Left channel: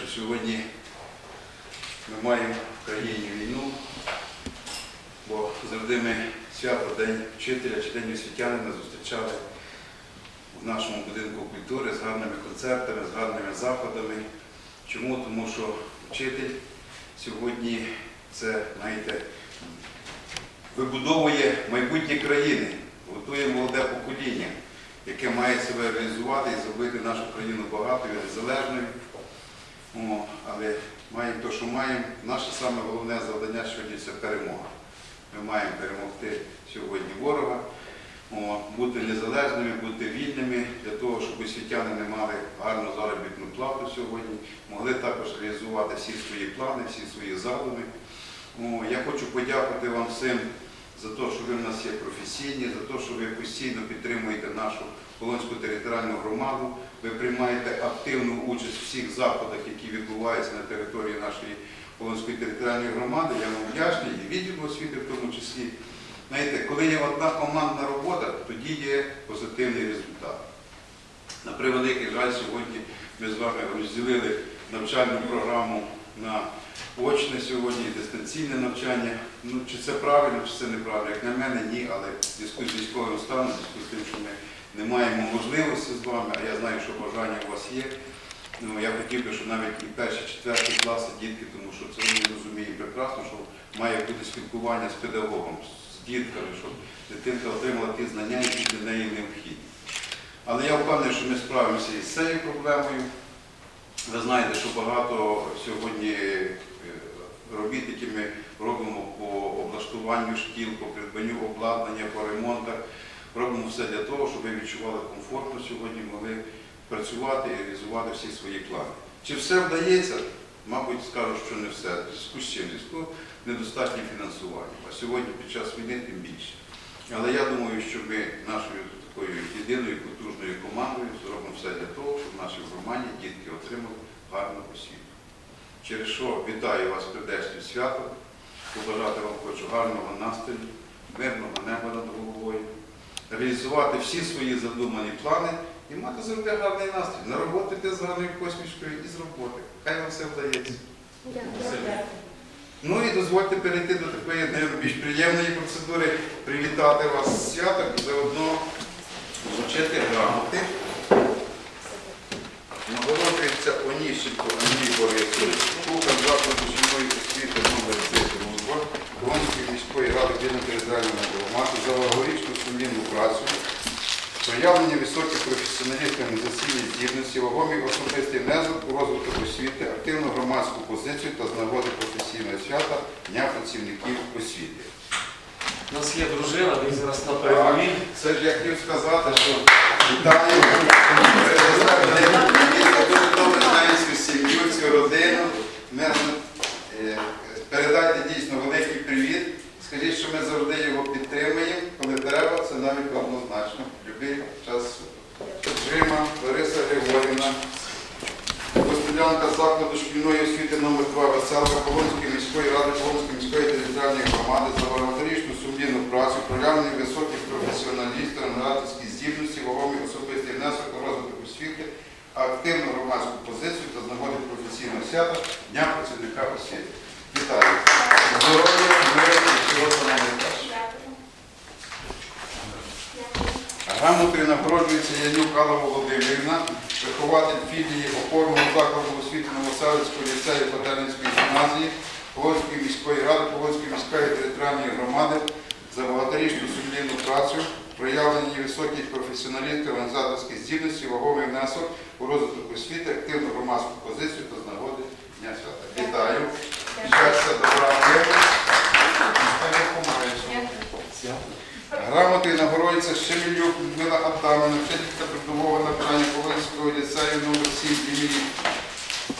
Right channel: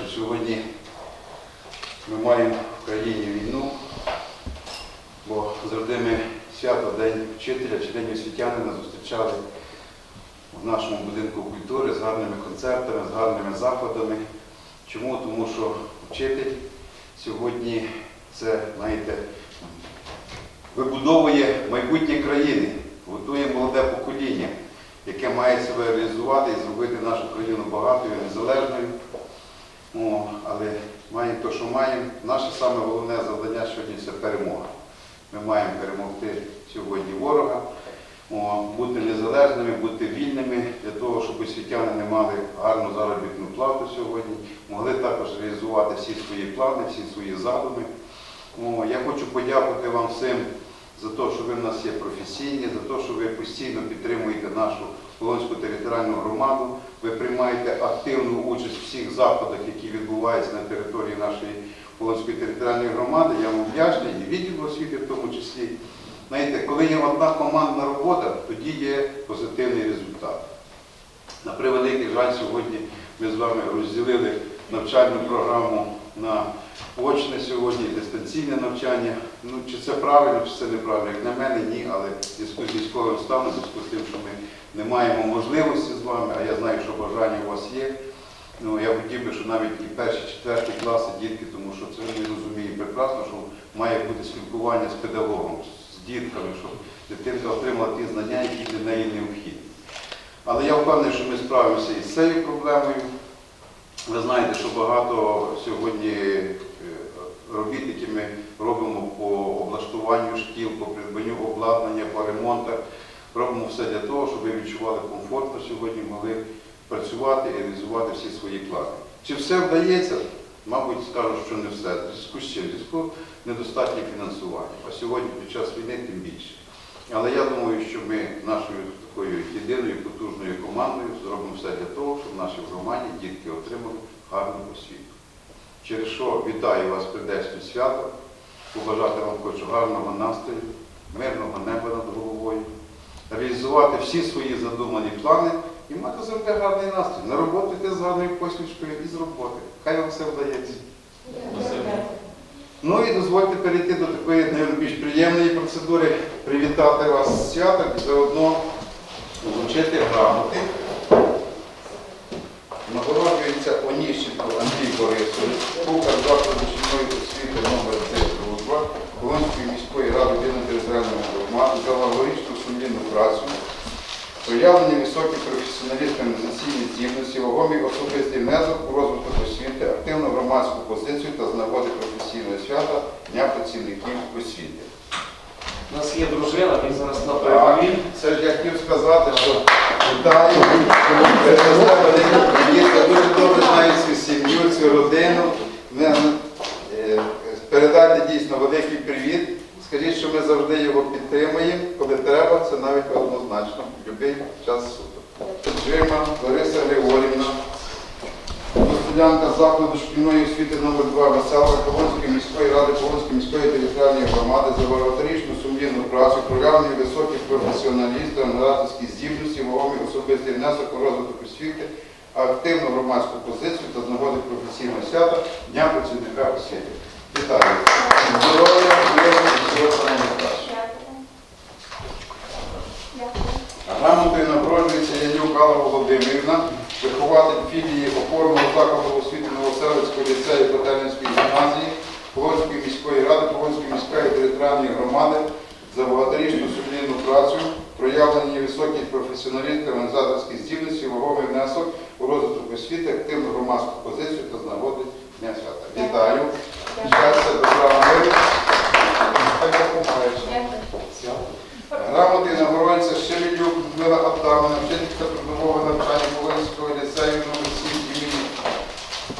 що сьогодні ми маємо в країні війну, бо завжди ми свято День вчителя чи День освітянина зустрічали в нашому будинку культури з гарними концертами, з гарними заходами. Чому? Тому що вчитель сьогодні це, знаєте, вибудовує майбутнє країни, готує молоде покоління, яке має себе реалізувати і зробити нашу країну багатою, незалежною. О, але маємо те, що маємо. Наше саме головне завдання сьогодні це перемога. Ми маємо перемогти сьогодні ворога, о, бути незалежними, бути вільними для того, щоб освітяни не мали гарну заробітну плату сьогодні, могли також реалізувати всі свої плани, всі свої задуми. О, я хочу подякувати вам всім за те, що ви в нас є професійні, за те, що ви постійно підтримуєте нашу Полонську територіальну громаду. Ви приймаєте активну участь в всіх заходах, які відбуваються на території нашої Полонської територіальної громади. Я вам вдячний і відділу освіти в тому числі. Знаєте, коли є одна командна робота, тоді є позитивний результат. На превеликий жаль, сьогодні ми з вами розділили навчальну програму на очне сьогодні, дистанційне навчання. Ну, чи це правильно, чи це неправильно? Як на мене, ні, але в зв'язку з військовим станом, в зв'язку з тим, що ми не маємо можливості з вами, а я знаю, що бажання у вас є. Ну, я хотів би, щоб навіть і перші, четверті класи дітки, тому що це ми розуміємо прекрасно, що має бути спілкування з педагогом, з дітками, щоб дитинка отримала ті знання, які для неї необхідні. Але я впевнений, що ми справимося із цією проблемою. Ви знаєте, що багато сьогодні е, робіт, які ми робимо по облаштуванню шкіл, по придбанню обладнання, по ремонтах, робимо все для того, щоб ви відчували комфортно сьогодні, могли працювати і реалізувати всі свої плани. Чи все вдається? Мабуть, скажу, що не все. В зв'язку з чим? В зв'язку з недостатнім фінансуванням. А сьогодні під час війни тим більше. Але я думаю, що ми нашою такою єдиною потужною командою зробимо все для того, щоб в нашій громаді дітки отримали гарну освіту. Через що вітаю вас з прийдешнім святом, побажати вам хочу гарного настрою, мирного неба над головою, реалізувати всі свої задумані плани і мати завжди гарний настрій. На роботу з гарною посмішкою і з роботи. Хай вам все вдається. Ну і дозвольте перейти до такої найбільш приємної процедури, привітати вас з святом і заодно вручити грамоти. Нагороджується Оніщенко Андрій Борисович, кухар закладу шкільної освіти номер 3 «Дружба» Волинської міської ради об'єднаної громади за лагорічну сумлінну працю, проявлені високі професіоналістами засільні здібності, вагомі особистий внесок у розвиток освіти, активну громадську позицію та з нагоди професійного свята Дня працівників освіти. У нас є дружина, він зараз на передовій. Це ж я хотів сказати, що вітаю. Я дуже добре знаю цю сім'ю, цю родину. Е, Передайте дійсно великий привіт. Скажіть, що ми завжди його підтримуємо, коли треба, це навіть однозначно, будь-який час. Джима Григорівна, Гостелянка закладу шкільної освіти номер 2 Веселка Полонської міської ради Полонської міської територіальної громади за багаторічну сумлінну працю, проявлені високі професіоналісти, аналітичні здібності, вагомий особистий внесок у розвиток освіти, активну громадську позицію та з нагоди професійного свята Дня працівника освіти. Вітаю! Здоров'я, миру і всього самого найкращого. Грамотою нагороджується Янюк Алла Володимирівна, вихователь філії опорного закладу освіти Новоселицького ліцею Котельницької гімназії Полонської міської ради Полонської міської територіальної громади за багаторічну сумлінну працю, проявлені високі професіоналісти, організаторські здібності, ваговий внесок у розвиток освіти, активну громадську позицію та з нагоди Дня свята. Вітаю! Щастя, добра миру! Хай допомагає. Грамотою нагороджується Шемелюк Людмила Абдамовна, вчителька придумового навчання Полонського ліцею номер 7 імені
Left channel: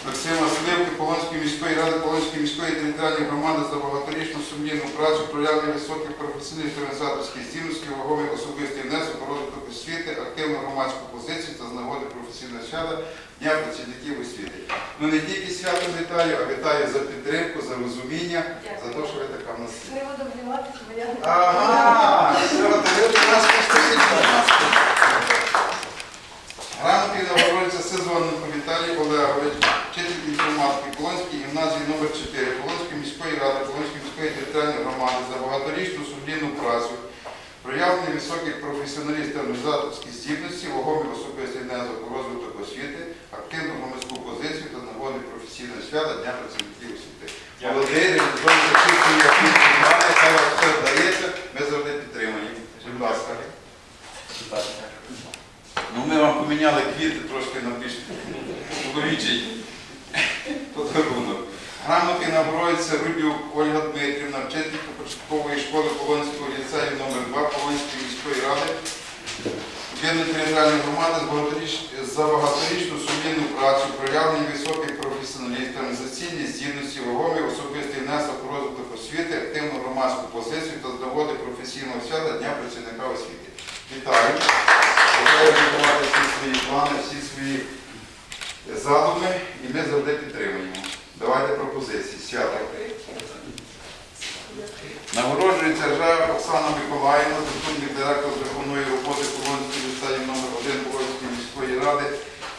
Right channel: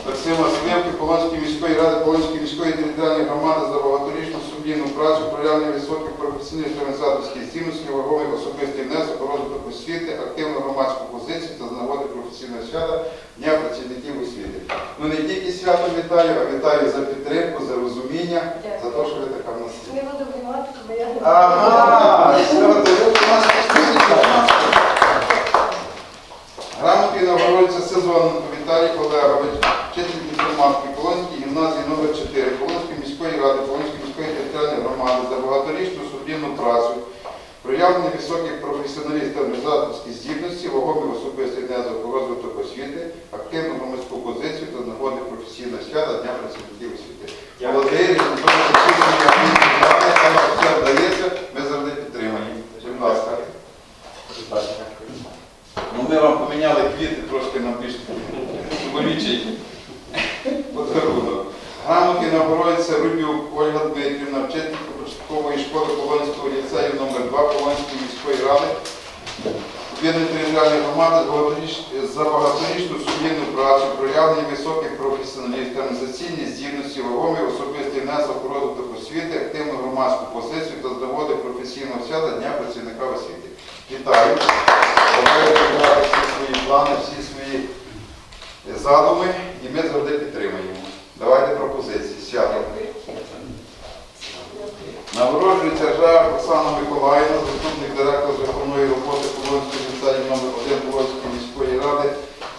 Максима Сливки Полонської міської ради Полонської міської територіальної громади за багаторічну сумлінну працю, проявлення високих професійних та організаторських здібностей, вагомий особистий внесок у розвиток освіти, активну громадську позицію та з нагоди професійного свята Дня працівників освіти. Ну не тільки свято вітаю, а вітаю за підтримку, за розуміння, за те, що ви така в нас. Не буду обнімати, бо я не Ага, все, то ви до нас пустили. Грамотою нагороджується Сезоненко Віталій Олегович, вчитель інформатики Полонській гімназії номер 4 Полонської міської ради, Полонської міської територіальної громади за багаторічну сумлінну працю, проявлення високих професіоналістів та організаторських здібностей, вагомі особистий внесок у розвиток освіти, активну громадську позицію та нагоди професійного свята Дня працівників освіти. Молодий, реалізовує всі свої активні плани, саме все вдається, ми завжди підтримані. Будь ласка. Ну, ми вам поміняли квіти трошки на більш чоловічий подарунок. Грамоти нагороджується Рудюк Ольга Дмитрівна, вчителька початкової школи Полонського ліцею номер 2 Полонської міської ради. Об'єднаної територіальної громади з багаторіч- за багаторічну сумлінну працю, проявлення високих професіоналістів, організаційні здібності, вагомий особистий внесок у розвиток освіти, активну громадську позицію та з нагоди професійного свята Дня працівника освіти. Вітаю! Давай всі свої плани, всі свої задуми, і ми завжди підтримуємо. Давайте пропозиції. Свято. Нагороджується Жа Оксана Миколаївна, заступник директора з виховної роботи Полонської ліцею номер 1 Полонської міської ради,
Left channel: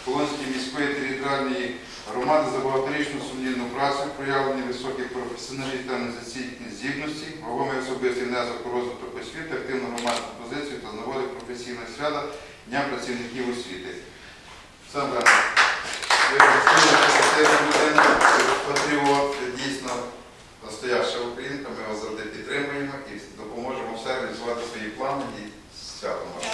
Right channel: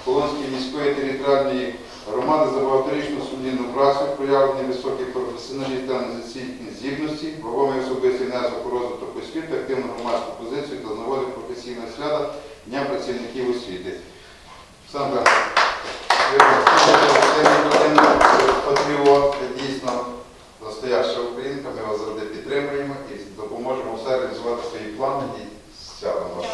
Полонської міської територіальної громади за багаторічну сумлінну працю, проявлення високих професіоналістів та організаційних здібностей, вагомий особистий внесок у розвиток освіти, активну громадську позицію та з нагоди професійного свята Дня працівників освіти. Олександра, ви це людина, патріот, ви дійсно настояща українка, ми вас завжди підтримуємо і допоможемо все реалізувати свої плани і святом вас.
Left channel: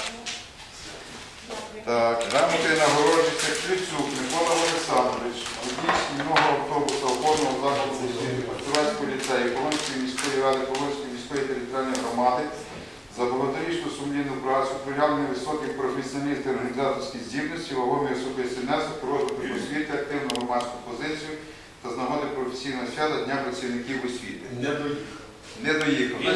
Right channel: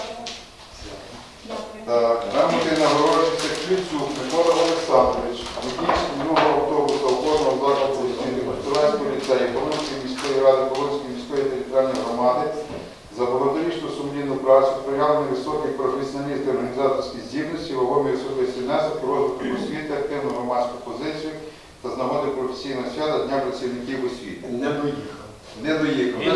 Так, грамоти нагороджується Ключук Микола Олександрович, водій шкільного автобуса опорного закладу освіти Костровецького ліцею Полонської міської ради Полонської міської територіальної громади за багаторічну сумлінну працю, проявлення високих професіоналістів організаторських здібності, вагомий особистий внесок, у розвиток освіти, активну громадську позицію та з нагоди професійного свята Дня працівників освіти. Не доїхав. Не доїхав. Він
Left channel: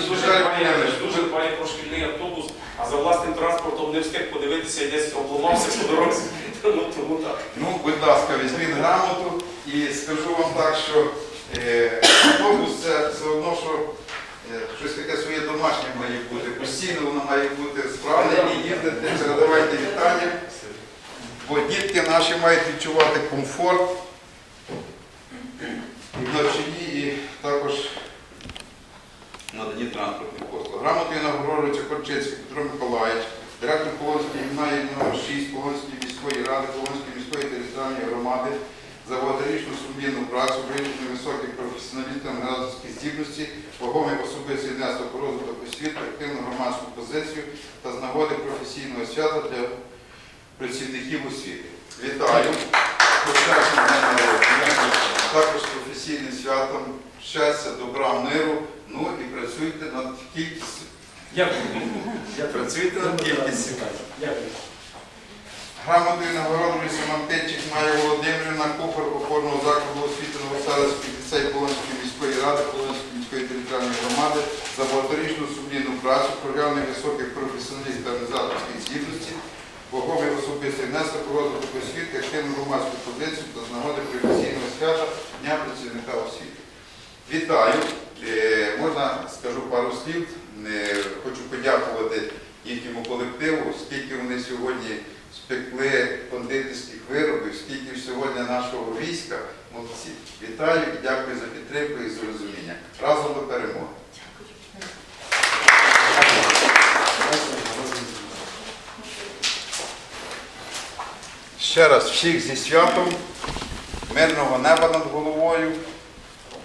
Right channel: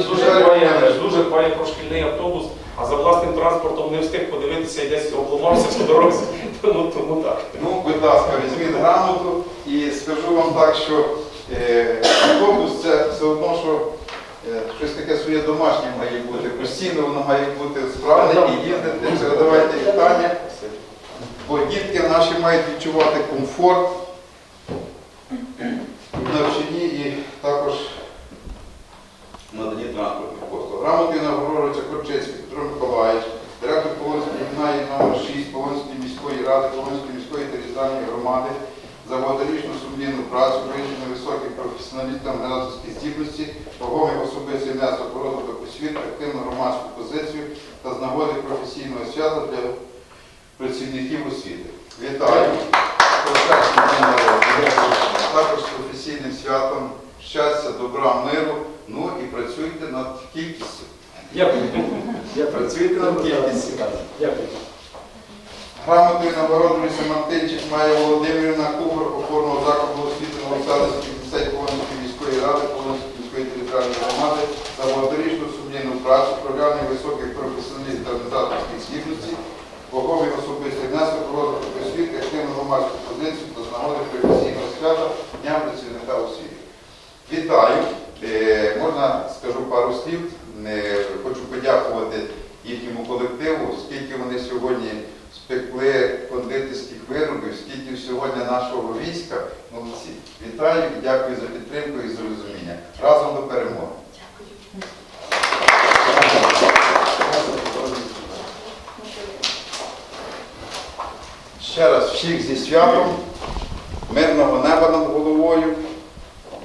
дуже хвалить про шкільний автобус, а за власним транспортом не встиг подивитися і десь обламався по дорозі. Ну тому так. Ну, будь ласка, візьміть грамоту і скажу вам так, що е, автобус це все одно, що щось таке своє домашнє має бути. Постійно воно має бути справне і їздити. Передавайте вітання. Бо дітки наші мають відчувати комфорт в навчанні, і також надані транспортних послуг. Грамотою нагороджується Корчинський Петро Миколаївич, директор Полонської гімназії номер 6 Полонської міської ради, Полонської міської територіальної громади за багаторічну сумлінну працю, виявлення високих професіоналістів організаторські здібності, вагомий особистий внесок у розвиток освіти, активну громадську позицію та з нагоди професійного свята для працівників освіти. Вітаю! День. Також професійним святом, щастя, добра, миру. Ну і працюйте над кількістю. Дякую. Працюйте над кількістю. Дякую. Грамотою нагороджується Мартинчик Майя Володимирівна, кухар опорного закладу освіти Новоселицький ліцей Полонської міської ради, Полонської міської територіальної громади за багаторічну сумлінну працю, проявлення високих професіоналістів та організаторських здібностей, вагомий особистий внесок розвиток освіти, активну громадську позицію та з нагоди професійного свята Дня працівника освіти. Вітаю! Е, Можна скажу пару слів. Е, Хочу подякувати їхньому колективу, скільки вони сьогодні спекли кондитерських виробів, скільки сьогодні нашого війська. Молодці. Вітаю і дякую за підтримку і за розуміння. Разом до перемоги. Ще раз всіх зі святом, мирного неба над головою,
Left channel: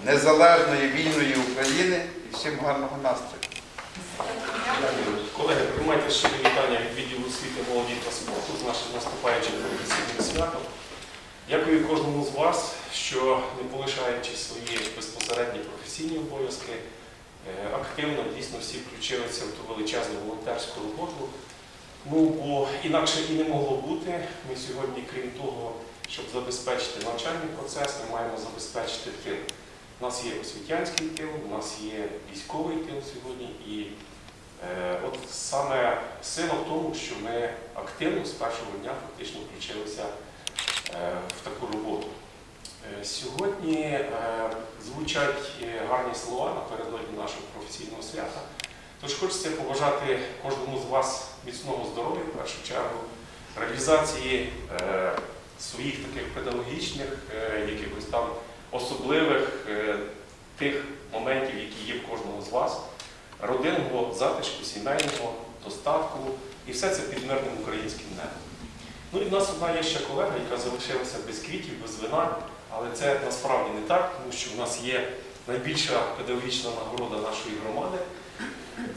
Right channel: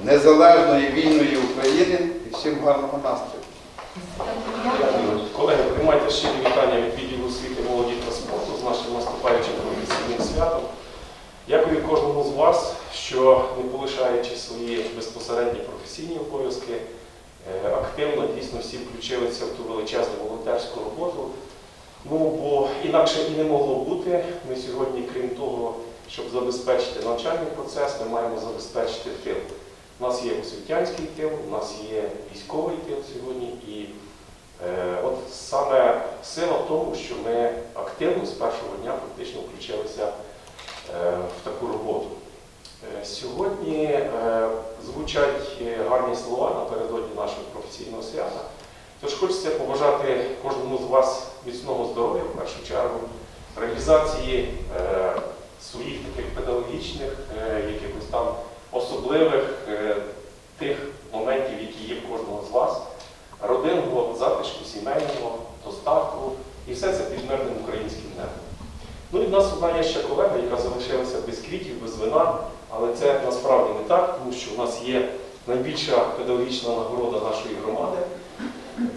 незалежної вільної України і всім гарного настрою. Колеги, приймайте щирі вітання від відділу освіти, молоді та спорту з нашим наступаючим професійним святом. Дякую кожному з вас, що не полишаючи свої безпосередні професійні обов'язки, е, активно дійсно всі включилися в ту величезну волонтерську роботу. Ну, бо інакше і не могло бути. Ми сьогодні, крім того, щоб забезпечити навчальний процес, ми маємо забезпечити тил. У нас є освітянський тил, у нас є військовий тил сьогодні і Е, От саме сила в тому, що ми активно з першого дня фактично включилися Е, в таку роботу. Е, сьогодні е, звучать гарні слова напередодні нашого професійного свята. Тож хочеться побажати кожному з вас міцного здоров'я, в першу чергу, реалізації своїх таких педагогічних, якихось там особливих тих моментів, які є в кожного з вас, родинного затишку, сімейного, доставку. І все це під мирним українським небом. Ну і в нас одна є ще колега, яка залишилася без квітів, без вина, але це насправді не так, тому що в нас є найбільша педагогічна нагорода нашої громади.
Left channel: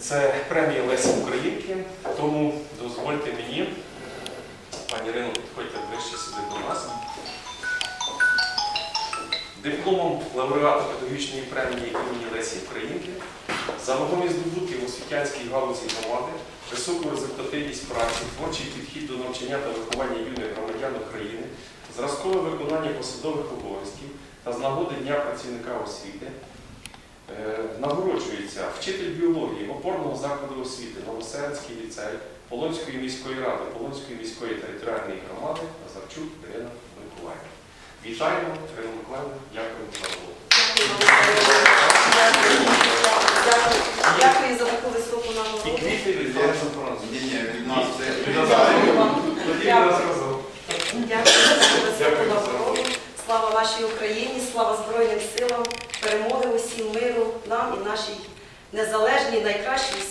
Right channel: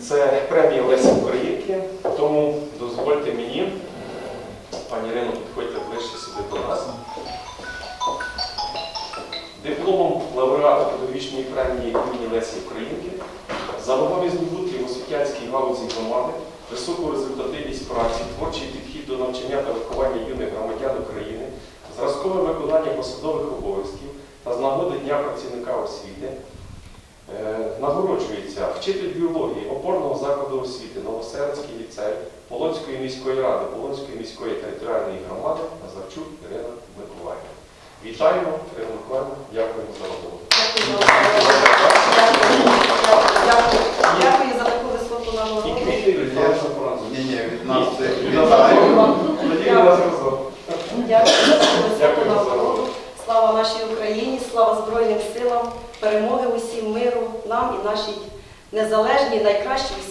Це премія Лесі Українки. Тому дозвольте мені, пані Ірино, підходьте ближче сюди до нас. Дипломом лауреата педагогічної премії імені Лесі Українки за вагомі здобутки в освітянській галузі громади, високу результативність праці, творчий підхід до навчання та виховання юних громадян України, зразкове виконання посадових обов'язків та з нагоди Дня працівника освіти е, нагороджується вчитель біології опорного закладу освіти Новосерецький ліцей Полонської міської ради, Полонської міської територіальної громади Назарчук Ірина Миколаївна. Вітаємо, Ірина Миколаївна, дякуємо за роботу. Дякую. Дякую за таку високу І нагороду. квіти від Франца Францу. Ні, ні, від нас це Тоді у нас разом. Дякую за таку високу Дякую за нагороду. Слава нашій Україні, слава Збройним силам, перемоги усім миру, нам